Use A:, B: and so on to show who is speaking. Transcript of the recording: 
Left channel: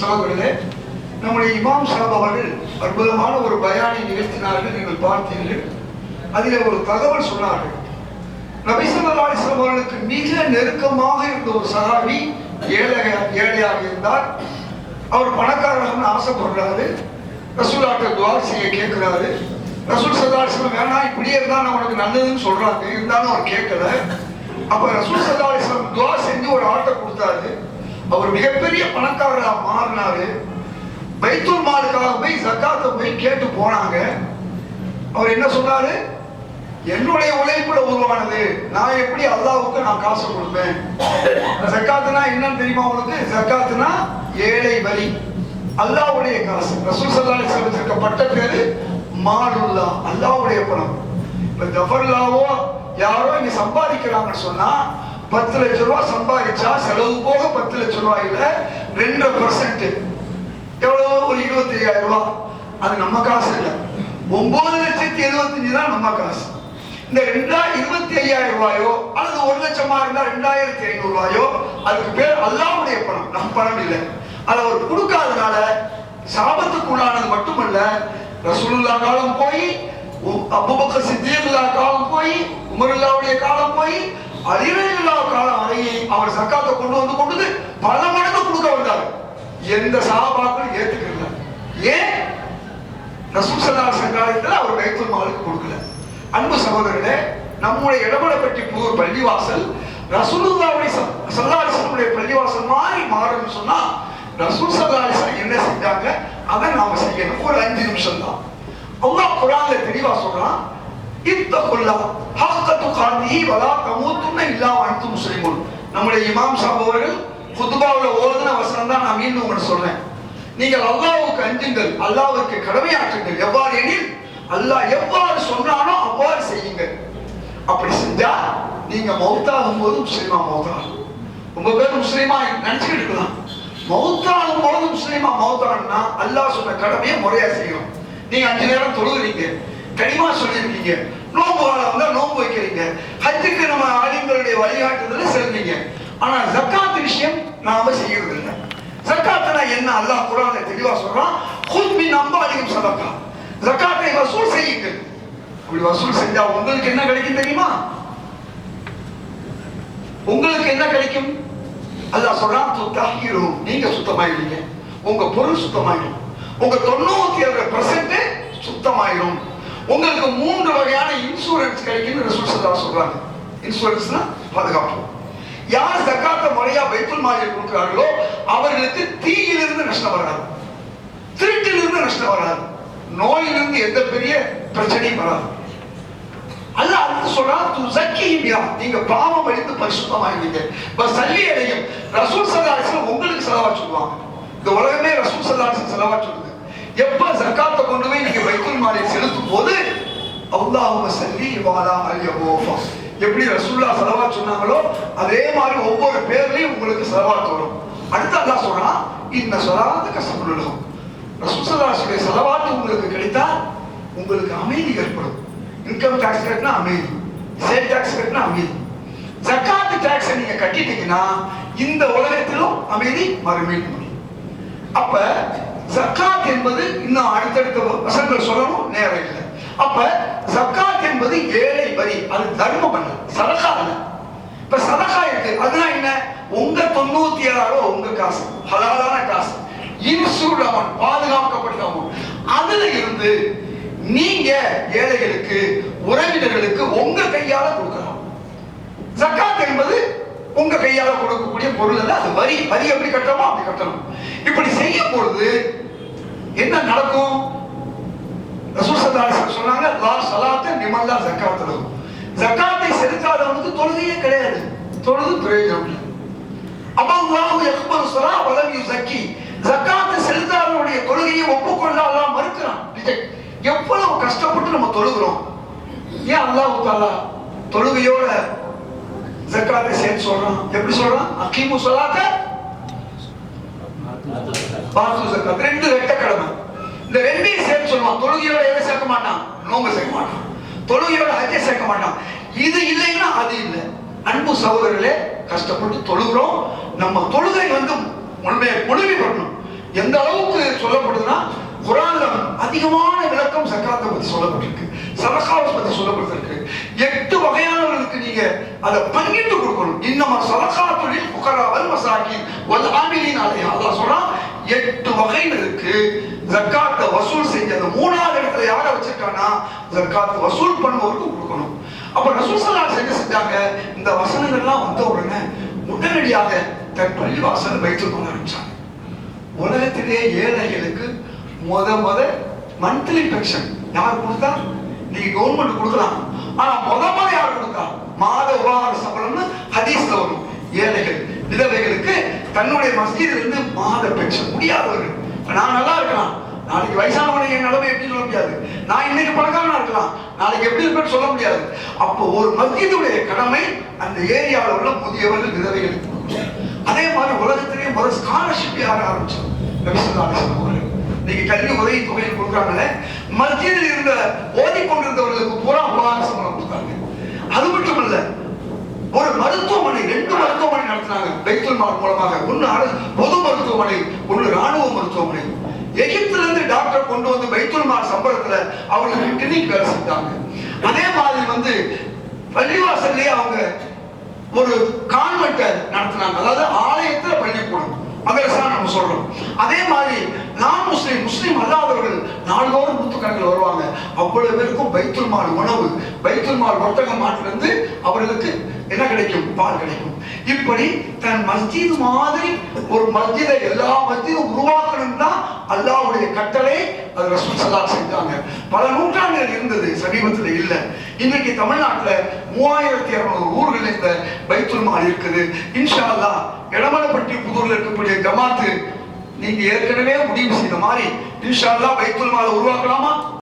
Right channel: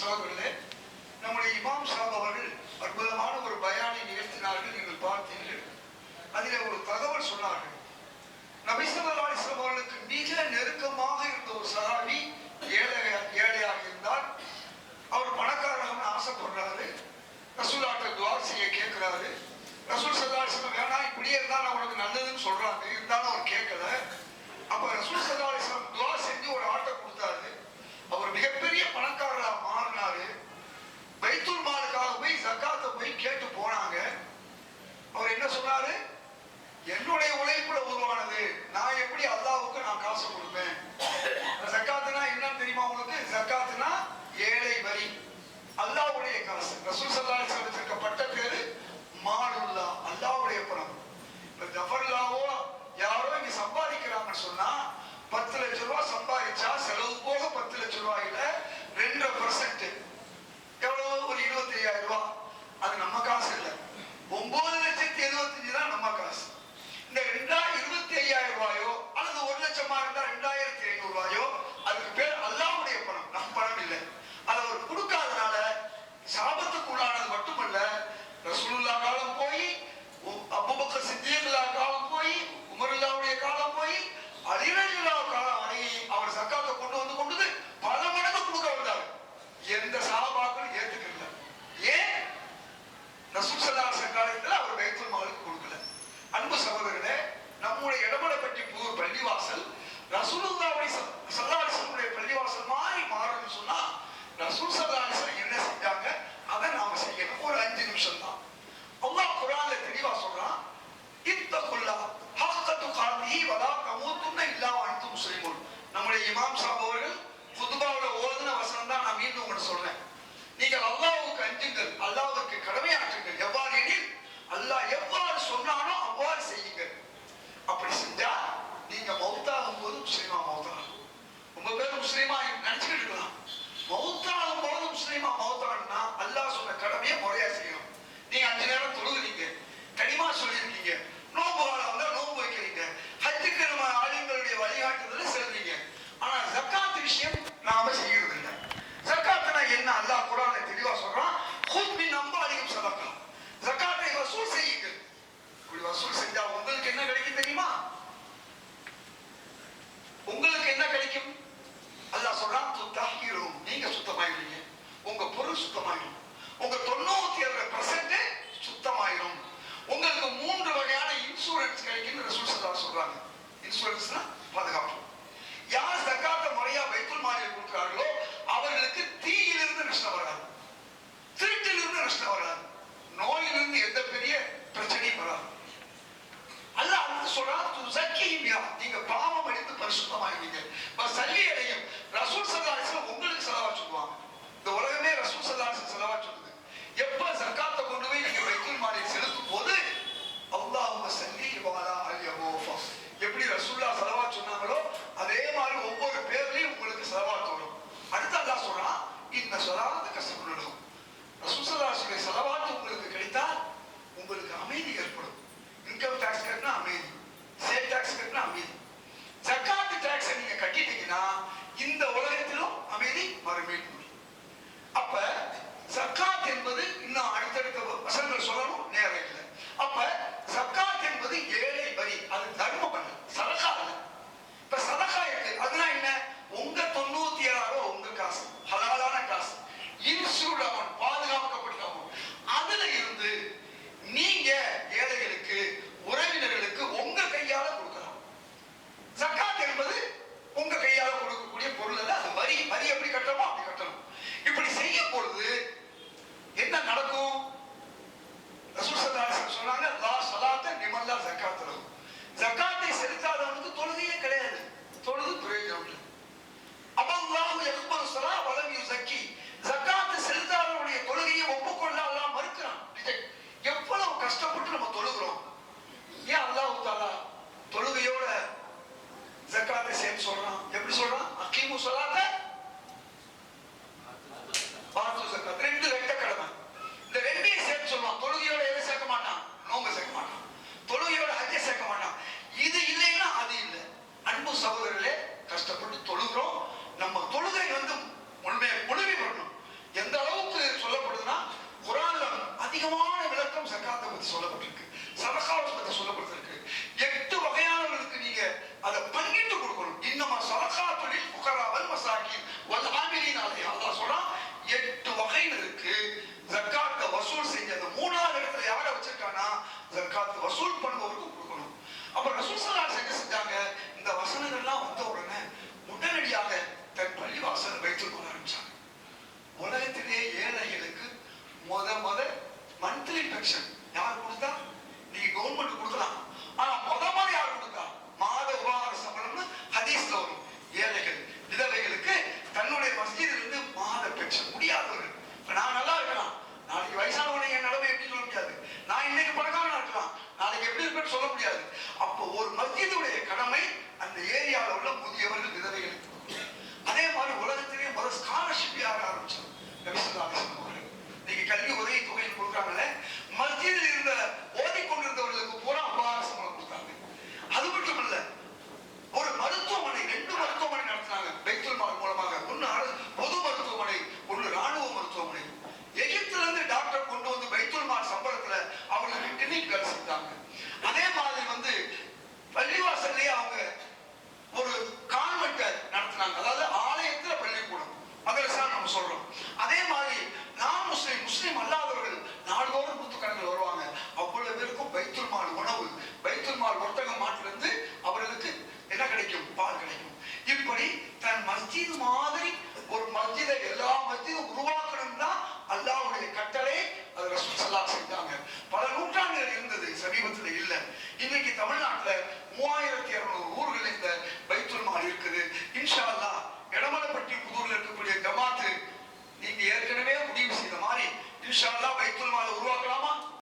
A: சகோதரர்களே நம்முடைய இமாம் சாப் அவர்கள் அற்புதமான ஒரு பயானை நிகழ்த்தினார்கள் நீங்கள் பார்த்தீர்கள். அதில் ஒரு தகவல் சொன்னார்கள். நபிசல்லா அலிஸ்லாம் அவர்களுக்கு மிக நெருக்கமாக இருந்த ஒரு சகாபி ஏழை ஏழையாக இருந்தார். அவர் பணக்காரர்கள் ஆசைப்படுறாரு. ரசூலாட்ட துவா செய்ய கேட்கிறாரு. ரசூல் சல்லா வேணா இப்படியே இருந்தால் நான் உனக்கு நல்லதுன்னு சொல்றாங்க. இருந்தாலும் அவர் கேட்கல. அப்ப ரசூல் சல்லா அலிஸ்லாம் துவா செஞ்சு ஒரு ஆட்டை கொடுத்தாரு அவர் மிகப்பெரிய பணக்காரராக மாறினாரு. பைத்தூர் மாலுக்காக போய் சக்காத்தை போய் கேட்டு போனாங்க. அவர் என்ன சொன்னாரு? என்னுடைய உழைப்புல உருவானது. நான் எப்படி அல்லாவுக்கு நான் காசு கொடுப்பேன்? சக்காத்துனா என்னன்னு தெரியுமா உங்களுக்கு? சக்காத்துனா ஏழை வரி. அல்லாவுடைய காசு. ரசூல் சல்லா அலிஸ்லாம் வச்சிருக்க பட்ட பேரு மாலுல்லா அல்லாவுடைய பணம். இப்ப ஜஃபர்லாவோ யாரோ இங்க சம்பாதிக்கிறாங்கன்னு சொன்னா பத்து லட்ச ரூபா சம்பாதிச்சா செலவு போக பத்து லட்ச ரூபாயில ரெண்டு பர்சன்ட் எவ்வளவு? ஒரு இருபத்தி ஐயாயிரம் ரூபாய் அது நம்ம காசு இல்ல. ஒன்பது லட்சத்தி எழுபத்தஞ்சு தான் நம்ம காசு. இந்த ரெண்டாயிரம் இருபத்தி ஐயாயிரம் ரூபாயோ அல்லது ஒரு லட்சமா இருந்தா ரெண்டாயிரத்தி ஐநூறு ரூபாயோ அதுக்கு பேர் அல்லாவுடைய பணம். நம்ம பணம் இல்லை. அது அவர் கொடுக்காதனால சாபத்துக்குள்ளானது மட்டுமல்ல ரசூலுல்லா காலம் போய் அபுபக்கர் சித்தியல்லா காலம் போய் உமருல்லாவுடைய காலம் போய் அறிவையில்லா காலம் வரையை அவர் சர்க்காரத்தை கொண்டு வந்து கொண்டு பல மடங்கு கொடுக்க வந்தார். எந்த சாபாக்களும் ஏத்துக்கல. ஏன்? ரசூல் சல்லா அவர் பைத்துல் மாலுக்கு கொடுக்கல. அன்பு சகோதரர்களே நம்முடைய இடமலைப்பட்டி புதூர் பள்ளிவாசல் ரசூலுல்லாவுடைய சல்லாசனுடைய பள்ளிவாசல் மாதிரி மாறும்னு சொன்னா ரசூல் சல்லாசன் என்ன செஞ்சாங்க? அதை நாம செய்யணும். ஒரு அஞ்சு நிமிஷம் தான் அல்லாஹ் குரான்ல தெளிவா சொல்றான் இத்தகுல்லா ஹக்கத்து காந்தி வலா கமூத்துன்னு இல்லாம அனைத்து முஸ்லிமுன் நம்முடைய இமாம் சாப் அவர்கள் குத்துபாவுல ஓதுன வசனம் தான் நான் மீண்டும் உங்களுக்கு சொல்றேன். நீங்கள் அல்லாவுக்கு அஞ்சுங்கள் அல்லாவுக்கு கடமையாற்றுங்கள். எவ்வாறு எனில் அல்லாஹ் எவ்வாறு சொன்னானோ அவ்வாறு செய்யுங்கள். அப்படி செஞ்சா நீங்க மௌத்தாகும் போது முஸ்லீமா மௌத்தாகும் ரொம்ப பேர் முஸ்லீமா நினைச்சுக்கிட்டு இருக்கலாம். மௌத்தாகும் போது முஸ்லீமா மௌத்தானா அல்லாஹ் சொன்ன கடமையை முறையா செய்யணும். நீங்க அஞ்சு நேரம் தொழுகிறீங்க கனிமா சொல்லியிருக்கீங்க. நோம்பு காலம் வந்தா நோன்பு வைக்கிறீங்க ஹஜ்ஜுக்கு நம்ம ஆலிம்களுடைய வழிகாட்டுதல செல்வீங்க ஆனா ஜக்காத் விஷயம் நாம செய்யறது இல்லை ஜக்காத்னா என்ன? அல்லாஹ் குரான்ல தெளிவா சொல்றான் ஹுத் மின் அம்பாலியும் சதக்கா. ஜக்காத்தை வசூல் செய்யுங்கள். அப்படி வசூல் செஞ்சா உங்களுக்கு என்ன கிடைக்கும் தெரியுமா? உங்களுக்கு என்ன கிடைக்கும்? அல்லாஹ் சொல்றான் துத்தாகிரும் நீங்க சுத்தமாயிருவீங்க உங்க பொருள் சுத்தமாயிடும். உங்க தொண்ணூத்தி ஏழு பர்சன்ட் சுத்தமாயிரும். உங்களுக்கு மூன்று வகையான இன்சூரன்ஸ் சொல்றாங்க. இன்சூரன்ஸ்னா பாதுகாப்பு. யார் ஜக்காத்தை முறையா பைத்துல் மாதிரி கொடுக்கிறார்களோ அவர்களுக்கு தீயிலிருந்து நஷ்டம் வராது. திருட்டிலிருந்து நஷ்டம் வராது. நோயிலிருந்து எந்த பெரிய பிரச்சனையும் வராது. அல்ல அடுத்து சொல்றா துசக்கியும் நீங்க பாவம் அழிந்து பரிசுத்தமாயிருவீங்க இப்ப சல்லி அடையும். ரசூல் சதாசன் உங்களுக்கு செலவா சொல்லுவாங்க இந்த உலகமே ரசூல் சதாசன் செலவா சொல்லுது எப்ப ஜக்காத்தை கொண்டு போய் நீங்க எப்படி ரசூல்லா செலவா சொன்னாங்களோ அதே மாதிரி ஒவ்வொரு பேர்லயும் உங்களுக்கு செலவாத்து வரும். அடுத்து அல்லா சொல்றான் இந்த சொல்லாத கஷ்டப்படும் ரசூல் செலவாத்து உங்களுக்கு கிடைத்தா உங்களுக்கு அமைதி ஏற்படும். இன்கம் டாக்ஸ் கட்டினா அமைதி சேல் டாக்ஸ் கட்டினா அமைதி. ஜக்காத்து டாக்ஸ் நீங்க கட்டிட்டீங்கன்னா இந்த உலகத்திலும் அமைதி மறுமையில் முடியும். அப்ப ஜக்காத் என்பது இன்னும் அடுத்தடுத்த வசங்கள் சொல்லணும் நேரம் இல்லை. அப்ப ஜக்காத் என்பது ஏழை வரி. அது தர்மம் அல்ல சதகா அல்ல இப்ப சதகா இருக்கு. அதுனா என்ன? உங்க தொண்ணூத்தி ஏழாயிரம் உங்க காசு. ஹலாலான காசு. இன்சூர்ட் அமௌண்ட் பாதுகாக்கப்பட்ட அமௌண்ட் அதுல இருந்து நீங்க ஏழைகளுக்கு உறவினர்களுக்கு உங்க கையால கொடுக்கலாம். ஜக்காத் என்பது உங்க கையால கொடுக்கக்கூடிய பொருள் அல்ல அது வரி. வரி எப்படி கட்டணுமோ அப்படி கட்டணும். இப்படி செய்யும் பொழுது என்ன நடக்கும்? ரசூல் சொன்னாங்க லா ஸலாத்த நிமல்லா ஜக்காத்து ஜக்காத்தை செலுத்தாதவனுக்கு தொழுகையே கிடையாது. தொழுது பிரயோஜனம் இல்லை. அல்லாஹு யக்பல் ஸலா வலம் யுசக்கி ஜக்காத்தை செலுத்தாதவனுடைய தொழுகையை ஒப்புக்கொள்ள அல்லாஹ் மறுக்கிறான் எவ்வளவு கஷ்டப்பட்டு நம்ம தொழுகிறோம். ஏன் அல்லாஹ் தாலா தொழுகையோட ஜக்காத்தை சேர்த்து சொல்றான்? எப்படி சொல்றான்? அகீமு ஸலாத்த பாத்து ஜக்காத். ரெண்டு ரெட்ட கடமை. இந்த ரெண்டையும் சொல்லுவான் தொழுகையோட எதை சேர்க்க மாட்டான்? நோம்பு சேர்க்க மாட்டான். தொழுகையோட ஹஜ்ஜை சேர்க்க மாட்டான். இது இல்லைன்னா அது இல்லை. அன்பு சகோதரர்களே கஷ்டப்பட்டு தொழுகிறோம். நம்ம தொழுகை வந்து முழுமையை முழுமை பண்ணணும் எந்த அளவுக்கு சொல்லப்படுதுன்னா குரான்ல அதிகமான விளக்கம் சக்காத்தை பத்தி சொல்லப்பட்டிருக்கு. சதகாவை பத்தி சொல்லப்பட்டிருக்கு. எட்டு வகையானவர்களுக்கு நீங்க அதை பங்கிட்டு கொடுக்கணும். இன்னமா சதகா தொழில் புகராவல் மசாக்கி வல் ஆமிலின் அதை அதான் சொல்றான் எட்டு வகைகள் இருக்கு. ஜக்காத்தை வசூல் செஞ்ச அந்த மூணாவது இடத்துல யாரை வச்சிருக்கானா ஜக்காத்தை வசூல் பண்ணுவவருக்கு கொடுக்கணும். அப்ப ரசூல் செஞ்சு என்ன செஞ்சாங்க? இந்த வசனங்கள்லாம் வந்த உடனே உடனடியாக தன் பள்ளி வாசல் வைத்துக் கொள்ள ஆரம்பிச்சாங்க. உலகத்திலே ஏழைகளுக்கு முத முத மந்த்லி பென்ஷன் யார் கொடுத்தா? நீங்க கவர்மெண்ட் கொடுக்கலாம். ஆனா முத முத யார் கொடுத்தா? மாத உபகார சம்பளம்னு ஹதீஸ்ல வரும். ஏழைகள் விதவைகளுக்கு தன்னுடைய மஸ்ஜிதிலிருந்து மாத பெற்ற முடியாதவர்கள். நான் நல்லா இருக்கலாம். நாளைக்கு வயசானவனை என் நிலைமை எப்படி சொல்ல முடியாது. நான் இன்னைக்கு பணக்காரனா இருக்கலாம். நாளைக்கு எப்படி இருப்பேன்னு சொல்ல முடியாது. அப்போ ஒரு மஸ்ஜிதுடைய கடமை அந்த ஏரியாவில் உள்ள புதியவர்கள் விதவைகளுக்கு அதே மாதிரி உலகத்திலேயே முதல் ஸ்காலர்ஷிப் யார ஆரம்பிச்சோம் இன்னைக்கு கல்வி உதவி தொகையை கொடுக்குறாங்களே மஸ்ஜிதில் இருந்த ஓதிக்கொண்டிருந்தவர்களுக்கு பூரா உபகார சம்பளம் கொடுத்தாங்க. அது மட்டும் இல்லை ஒரு மருத்துவமனை ரெண்டு மருத்துவமனை நடத்தினாங்க பைத்துல் மார்க் மூலமாக. ஒன்னு பொது மருத்துவமனை ஒன்னு ராணுவ மருத்துவமனை. எகிப்துல இருந்து டாக்டர் கொண்டு வந்து பைத்துல் மார் சம்பளத்துல அவங்களுக்கு கிளினிக் வேலை செஞ்சாங்க. அதே மாதிரி வந்து பள்ளிவாசல்லே அவங்க ஒரு கான்வென்ட்டை நடத்தினாங்க. அதாவது ஆலயத்துல பள்ளிக்கூடம். மதரசா நம்ம சொல்றோம். அதே மாதிரி நான் முஸ்லீம் முஸ்லீம் அல்லாத நாள்தோறும் நூற்றுக்கணக்கில் வருவாங்க. அவ்வளவு பேருக்கும் பைத்துல் மால் உணவு பைத்துல் மால் வர்த்தக மாட்டிலிருந்து அவர்களுக்கு என்ன கிடைக்கும்? பால் கிடைக்கும். இப்படி தன் மஸ்ஜித் மாதிரி ஒரு மஸ்ஜிதை எல்லா மஸ்ஜிதும் உருவாக்கணும் தான் அல்லாஹ்வுடைய கட்டளை அது ரசூல் சல்லா செஞ்சாங்க பல நூற்றாண்டுகள் இருந்தது சமீபத்தில் இல்ல. இன்னைக்கு தமிழ்நாட்டில் மூவாயிரத்தி இருநூறு ஊர்கள் இந்த பைத்துல் மால் இருக்குது. இன்ஷா அல்லா இடமலைப்பட்டி புதூரில் இருக்கக்கூடிய ஜமாத்து நீங்க ஏற்கனவே முடிவு செய்த மாதிரி இன்ஷா அல்லாஹ் பைத்துல் மாலை உருவாக்கலாமா?